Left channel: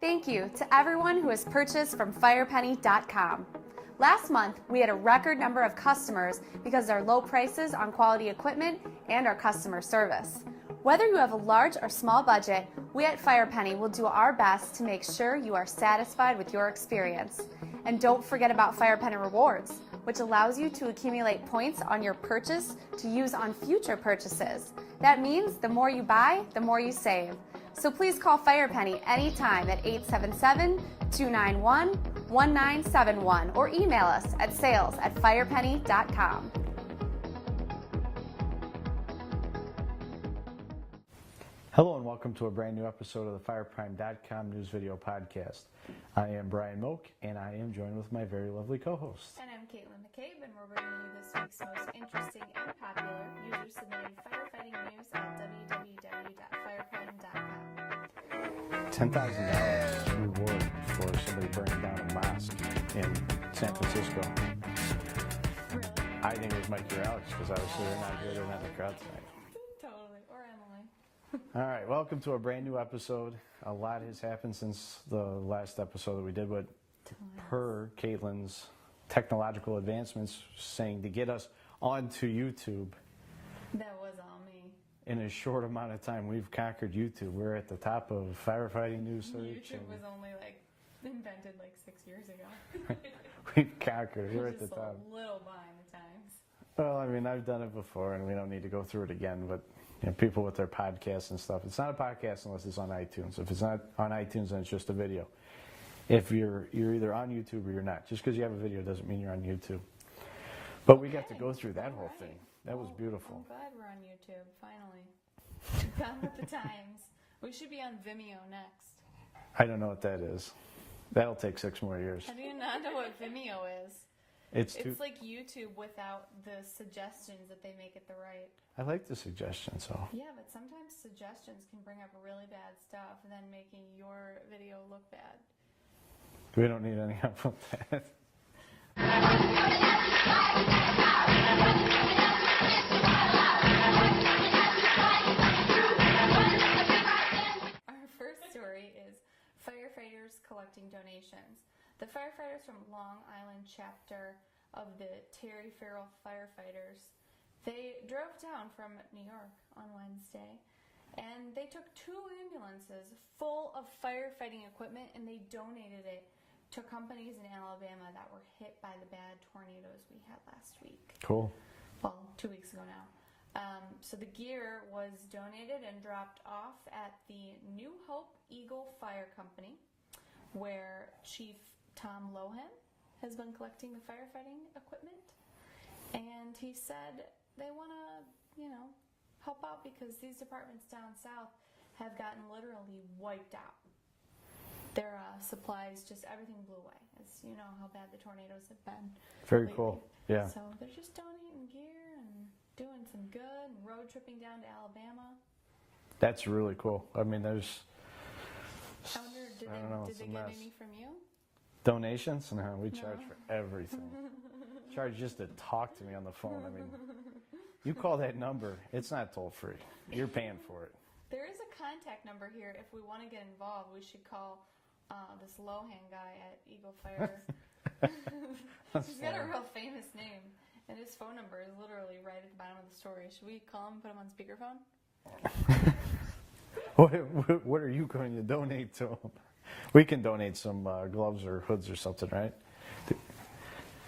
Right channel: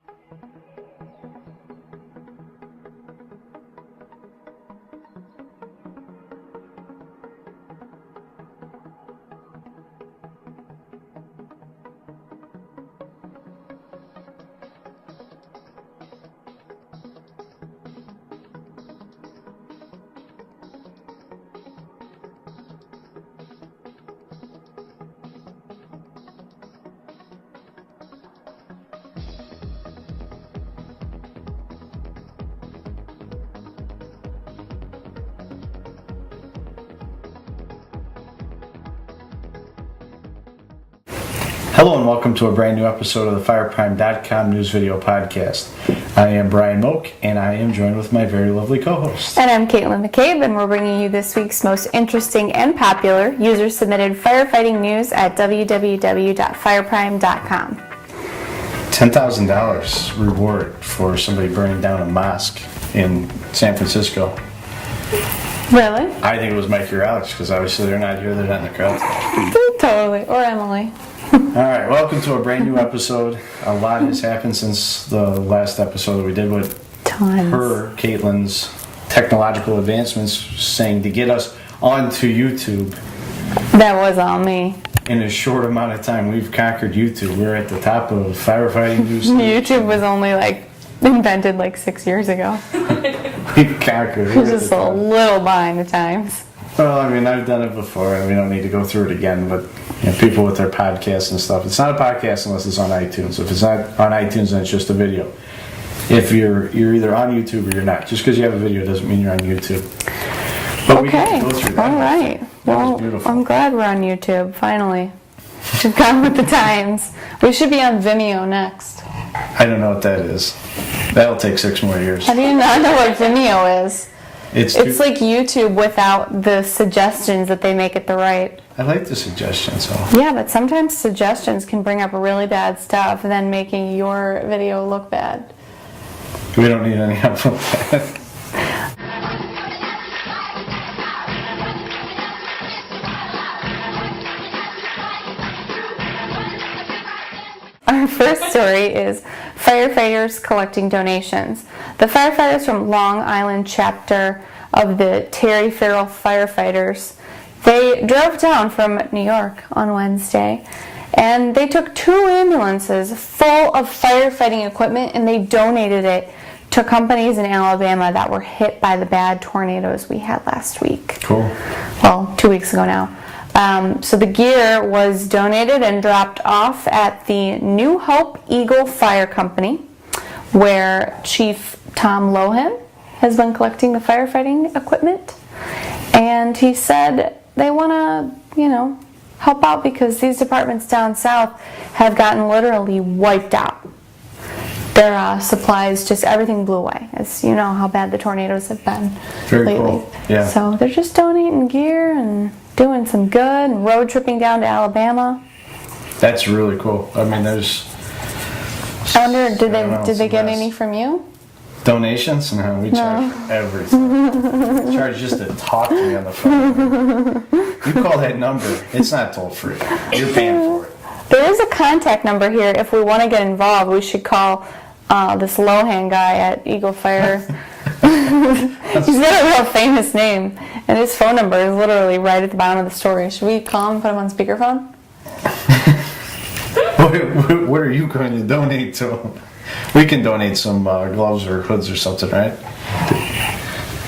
Thank you to everyone who has purchased from firepenny.com. Last month, we had a record number of customers because of our low prices on quality equipment and our customer service. Whether you have a large or small budget, we at Firepenny will do our best to make sure you are satisfied with your experience. And don't forget about Firepenny Rewards, which allows you to accumulate points on your purchase to use on future purchases. That means the more you buy, the more you save. So please call Firepenny anytime at 877-291-1971 or email us at sales@firepenny.com. Hello and welcome to a brand new episode of the fireprime.com news video podcast. I am Brian Moak and I am joined with my very lovely co-host. And I'm Caitlyn McCabe, and we're bringing you this week's most interesting and popular user-submitted firefighting news at www.fireprime.com. $10,000 reward for somebody burning down a mosque in San Francisco. Really? I think it was Mikey or Alex because obviously they're not here, they're not in the crowd. Totally. Or Emily. Alright, welcome to a brand new episode. A lot has happened since the last episode that we did with Caitlyn's technological advancements, saying to get us onto YouTube. That was all me. In a short amount of time, we've conquered YouTube. We're at the top of firefighting news. YouTube was only invented 6 years ago. We conquered. It was just a little behind the times. Well, I mean, I've done it before, and we don't need to go through it again, but people with their podcasts and stuff, it's not a podcast unless it's on iTunes. If it's not on iTunes, then it's just a video. If you're either on YouTube or you're not. Just because you have a video doesn't mean you're on YouTube. But we get to go through that. All right. Well, I'm glad we're on YouTube, finally. We've gone with the times. We should be on Vimeo next. I don't know what that is. That'll take 6 more years. How do you not know what Vimeo is? It's like YouTube without the suggestions that they make at the right. I like the suggestions, though. Yeah, but sometimes suggestions can bring up really bad stuff and then making your video look bad. We don't need any help with that. Our first story is firefighters collecting donations. The firefighters from Long Island chapter of the Terry Farrell Firefighters, they drove down from New York on Wednesday, and they took 2 ambulances full of firefighting equipment and they donated it to companies in Alabama that were hit by the bad tornadoes we had last week. Cool. Well, 2 weeks ago now. So the gear was donated and dropped off at the New Hope Eagle Fire Company, where Chief Tom Lohan has been collecting the firefighting equipment. And he said they want to, help out because these departments down south have gotten literally wiped out. Their supplies, just everything blew away. As you know how bad the tornadoes have been lately. Cool. Yeah. So they're just donating gear and doing some good and road tripping down to Alabama. That's really cool. I mean, there's... I wonder, did they get any from you? Donations? No, we charge everything. We charge just to talk to me on the phone. You call that number, it's not toll free. You're paying for it. There is a contact number here. If we want to get involved, we should call this Lohan guy at Eagle Fire. He's got a real famous name, and his phone number is literally right at the bottom of the story. Should we call him and put him on speakerphone? What are you going to donate to him? We can donate some gloves or hoods or something, right?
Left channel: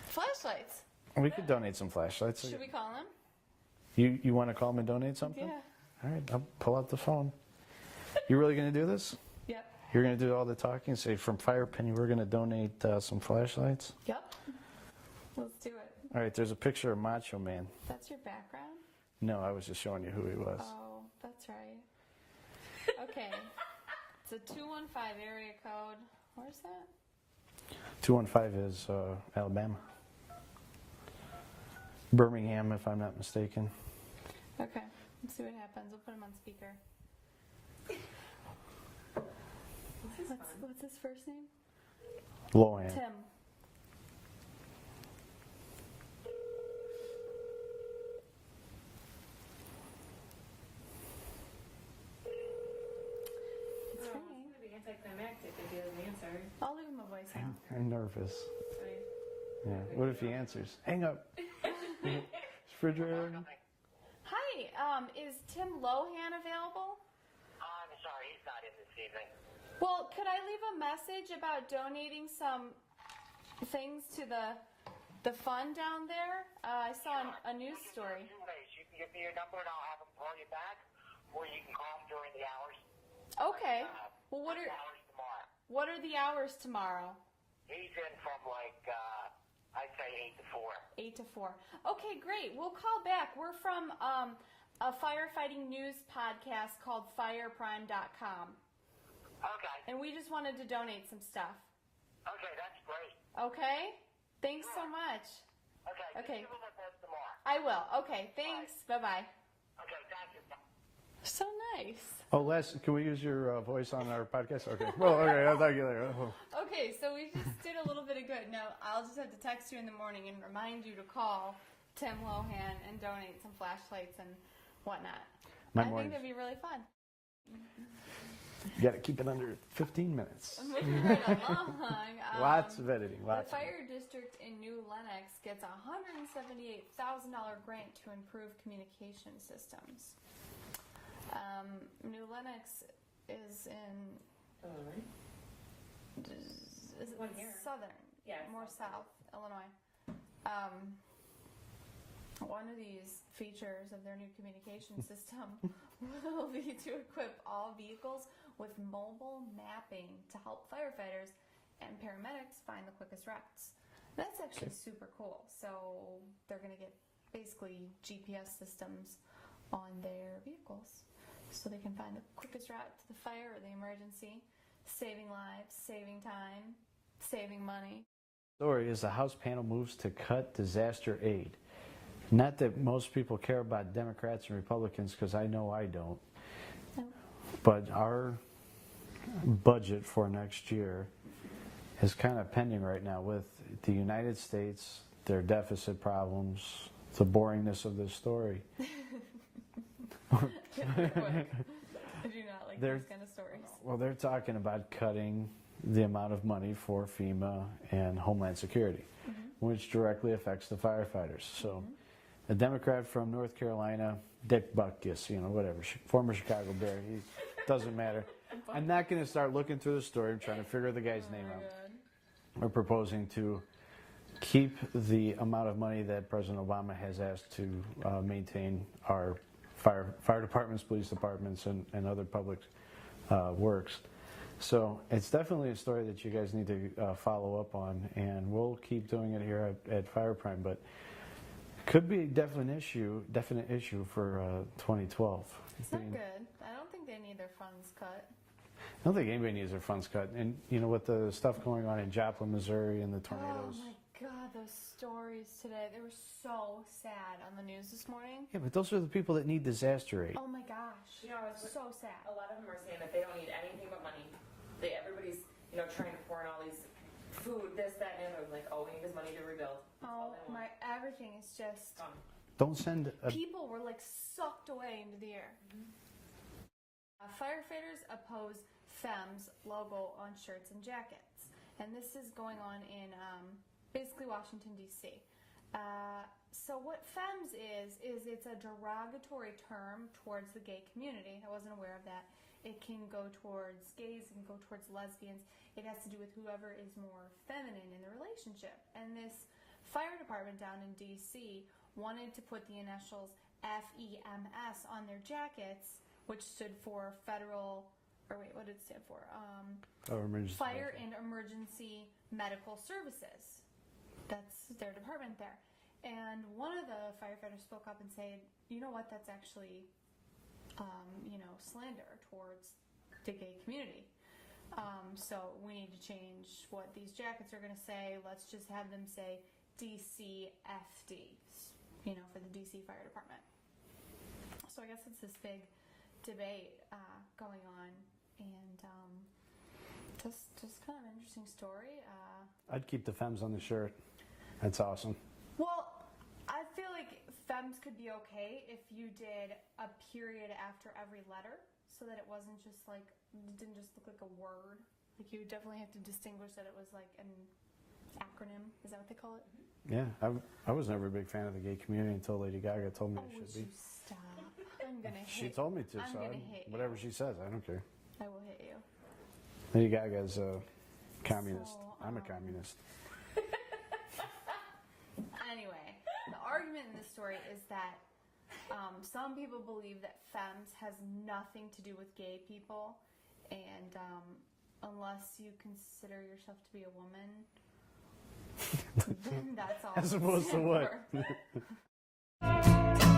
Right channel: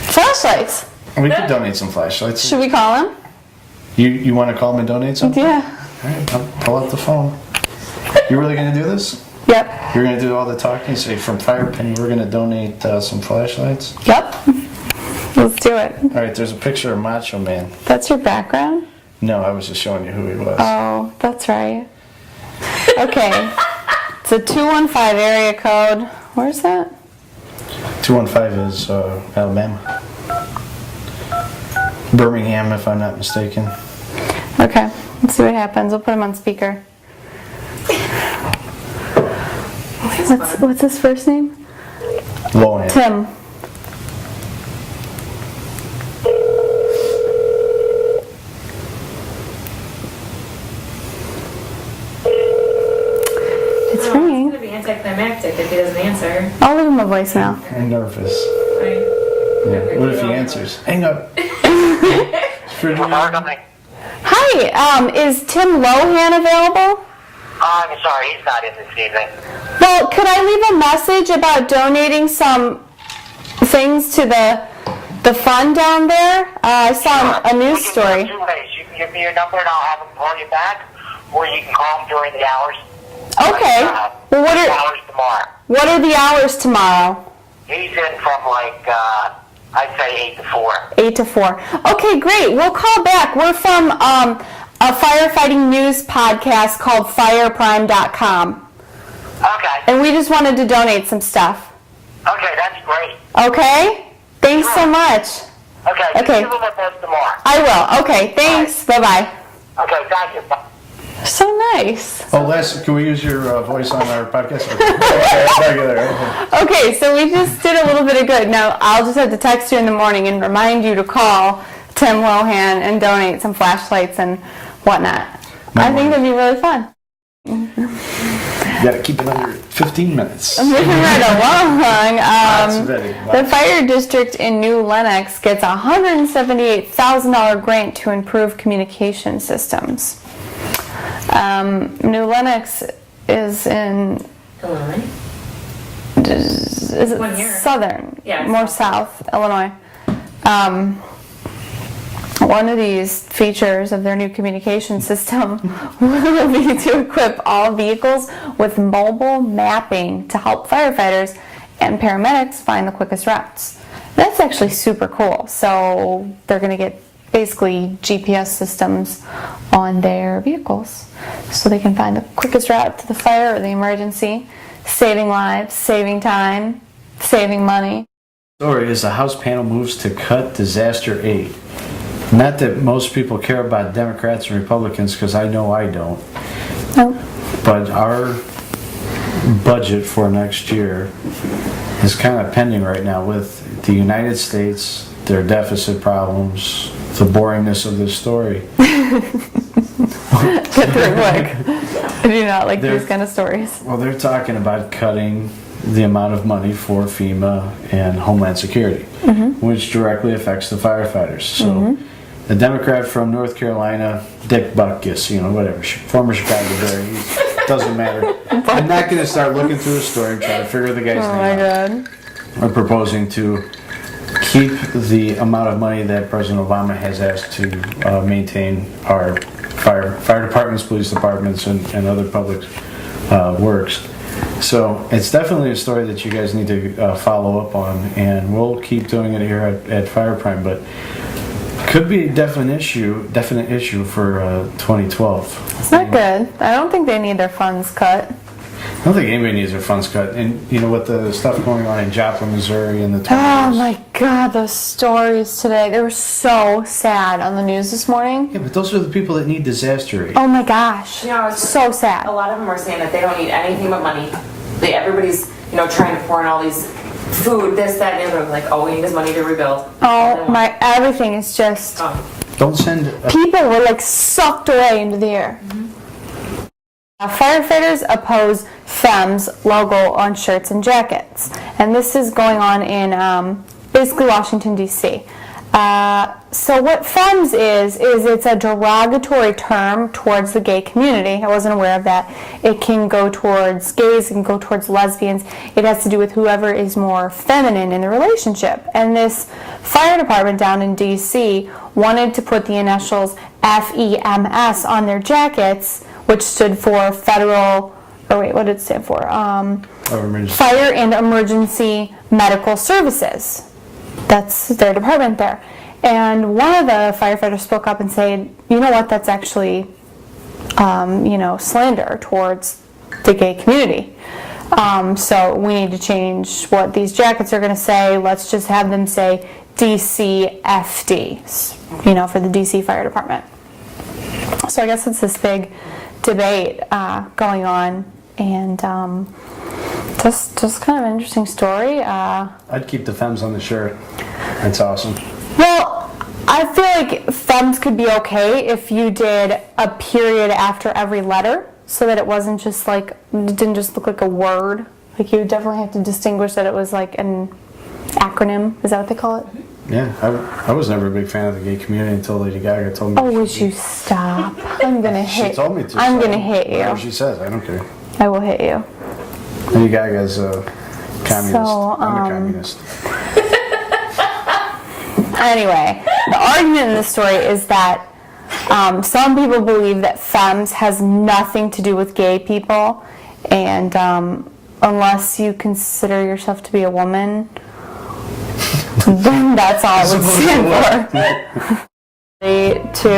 Flashlights. We could donate some flashlights. Should we call him? You want to call him and donate something? Yeah. All right, I'll pull out the phone. You really going to do this? Yep. You're going to do all the talking? Say, from Firepenny, we're going to donate some flashlights? Yep. Let's do it. All right, there's a picture of Macho Man. That's your background? No, I was just showing you who he was. Oh, that's right. Okay. It's a 215 area code. Where's that? 215 is Alabama. Birmingham, if I'm not mistaken. Okay. Let's see what happens. We'll put him on speaker. What's his first name? Lohan. Tim. It's ringing. It's going to be anticlimactic if he doesn't answer. I'll leave him a voicemail. I'm nervous. Right. Yeah. What if he answers? Hang up. Hi, is Tim Lohan available? I'm sorry, he's not in this evening. Well, could I leave a message about donating some things to the fund down there? I saw a news story. You can do 2 ways. You can give me your number and I'll have him call you back, or you can call him during the hours. Okay. Well, what are the hours tomorrow? He's in from I'd say 8 to 4. 8 to 4. Okay, great. We'll call back. We're from a firefighting news podcast called fireprime.com. Okay. And we just wanted to donate some stuff. Okay, that's great. Okay? Thanks so much. Okay. Okay. Give him a buzz tomorrow. I will. Okay, thanks. Bye-bye. Okay, thank you. So nice. Oh, Les, can we use your voice on our podcast? Okay, so we just did a little bit of good. Now, I'll just have to text you in the morning and remind you to call Tim Lohan and donate some flashlights and whatnot. I think that'd be really fun. You gotta keep it under 15 minutes. Moving right along, Very the fire district in New Lenox gets a $178,000 grant to improve communication systems. New Lenox is in Illinois? is it One here. southern, Yeah, more south Illinois. One of these features of their new communication system will be to equip all vehicles with mobile mapping to help firefighters and paramedics find the quickest routes. That's actually super cool. So they're going to get basically GPS systems on their vehicles so they can find the quickest route to the fire or the emergency, saving lives, saving time, saving money. Story is the House panel moves to cut disaster aid. Not that most people care about Democrats and Republicans, because I know I don't. Nope. But our budget for next year is kind of pending right now with the United States, their deficit problems, the boringness of this story. Get through it quick. I do not like these kind of stories. Well, they're talking about cutting the amount of money for FEMA and Homeland Security, which directly affects the firefighters. So the Democrat from North Carolina, Dick Butkus, whatever, former Chicago Bear, doesn't matter. I'm not going to start looking through the story and try to figure the guy's name out. I'm proposing to keep the amount of money that President Obama has asked to maintain our fire departments, police departments, and other public works. So it's definitely a story that you guys need to follow up on, and we'll keep doing it here at Fireprime. But could be a definite issue for 2012. It's not good. I don't think they need their funds cut. I don't think anybody needs their funds cut. And with the stuff going on in Joplin, Missouri, and the Oh tornadoes. my God, those stories today. They were so sad on the news this morning. Yeah, but those are the people that need disaster aid. Oh my gosh. It's So sad. A lot of them are saying that they don't need anything but money. Everybody's, trying to pour in all these food, this, that, and the other. Like, all we need is money to rebuild. Oh my, everything is just, Don't send. people were like sucked away into the air. Firefighters oppose FEM's logo on shirts and jackets. And this is going on in basically Washington, D.C. So what FEMS is it's a derogatory term towards the gay community. I wasn't aware of that. It can go towards gays, it can go towards lesbians. It has to do with whoever is more feminine in the relationship. And this fire department down in D.C. wanted to put the initials FEMS on their jackets, which stood for Federal, what did it stand for? Fire and Emergency Medical Services. That's their department there. And one of the firefighters spoke up and said, you know what, that's actually, slander towards the gay community. So we need to change what these jackets are going to say. Let's just have them say DCFD, for the DC Fire Department. So I guess it's this big debate going on, and just kind of an interesting story. I'd keep the FEMS on the shirt. That's awesome. Well, I feel like FEMS could be okay if you did a period after every letter, so that it wasn't just it didn't just look like a word, Like, you definitely have to distinguish that it was like an acronym. Is that what they call it? Yeah, I was never a big fan of the gay community until Lady Gaga told me. Oh, would you stop? I'm gonna hit. She told me to. I'm so gonna hit you. whatever she says, I don't care. I will hit you. Lady Gaga's a communist. So, I'm a communist. Anyway, the argument in this story is that some people believe that femmes has nothing to do with gay people, and unless you consider yourself to be a woman, then that's all I would stand for. To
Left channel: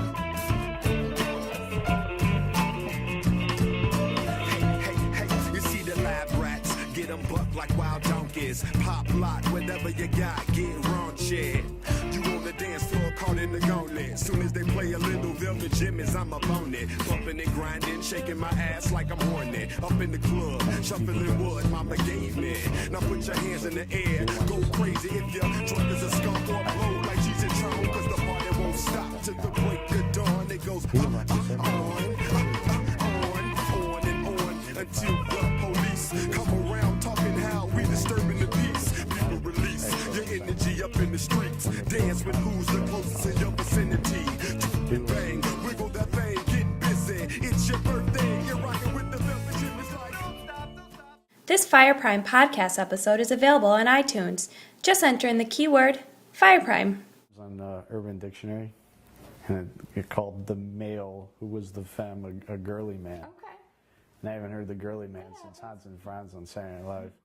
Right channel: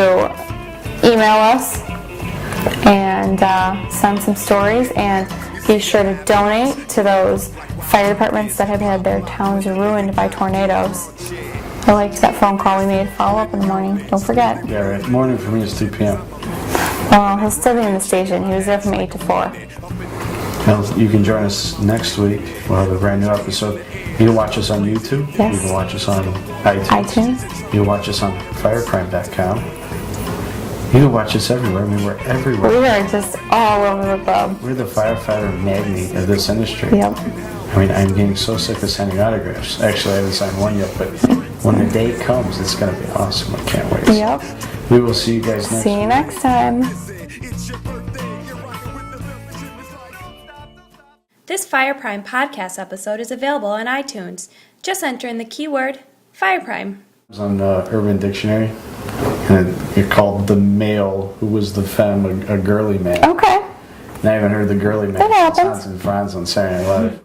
email us and send some stories, and be sure to donate to those fire departments that have had their towns ruined by tornadoes. I liked that phone call we made, follow up in the morning, don't forget. Yeah, right. Morning for me is 2 p.m. Well, he'll still be in the station, he was there from 8 to 4. And you can join us next week. We'll have a brand new episode. You can watch us on YouTube. Yes. You can watch us on iTunes. You can watch us on fireprime.com. You can watch us everywhere. I mean, we're everywhere. We are just all over the globe. We're the firefighter magnet of this industry. Yep. I mean, I'm getting so sick of signing autographs. Actually, I haven't signed one yet, but when the day comes, it's going to be awesome. I can't wait. Yep. We will see you guys next See you next time. This Fireprime podcast episode is available on iTunes. Just enter in the keyword Fireprime. It was on Urban Dictionary, and it called the male who was the femme a girly man. Okay. And I haven't heard the girly man That happens. since Hans and Franz on Saturday Night Live.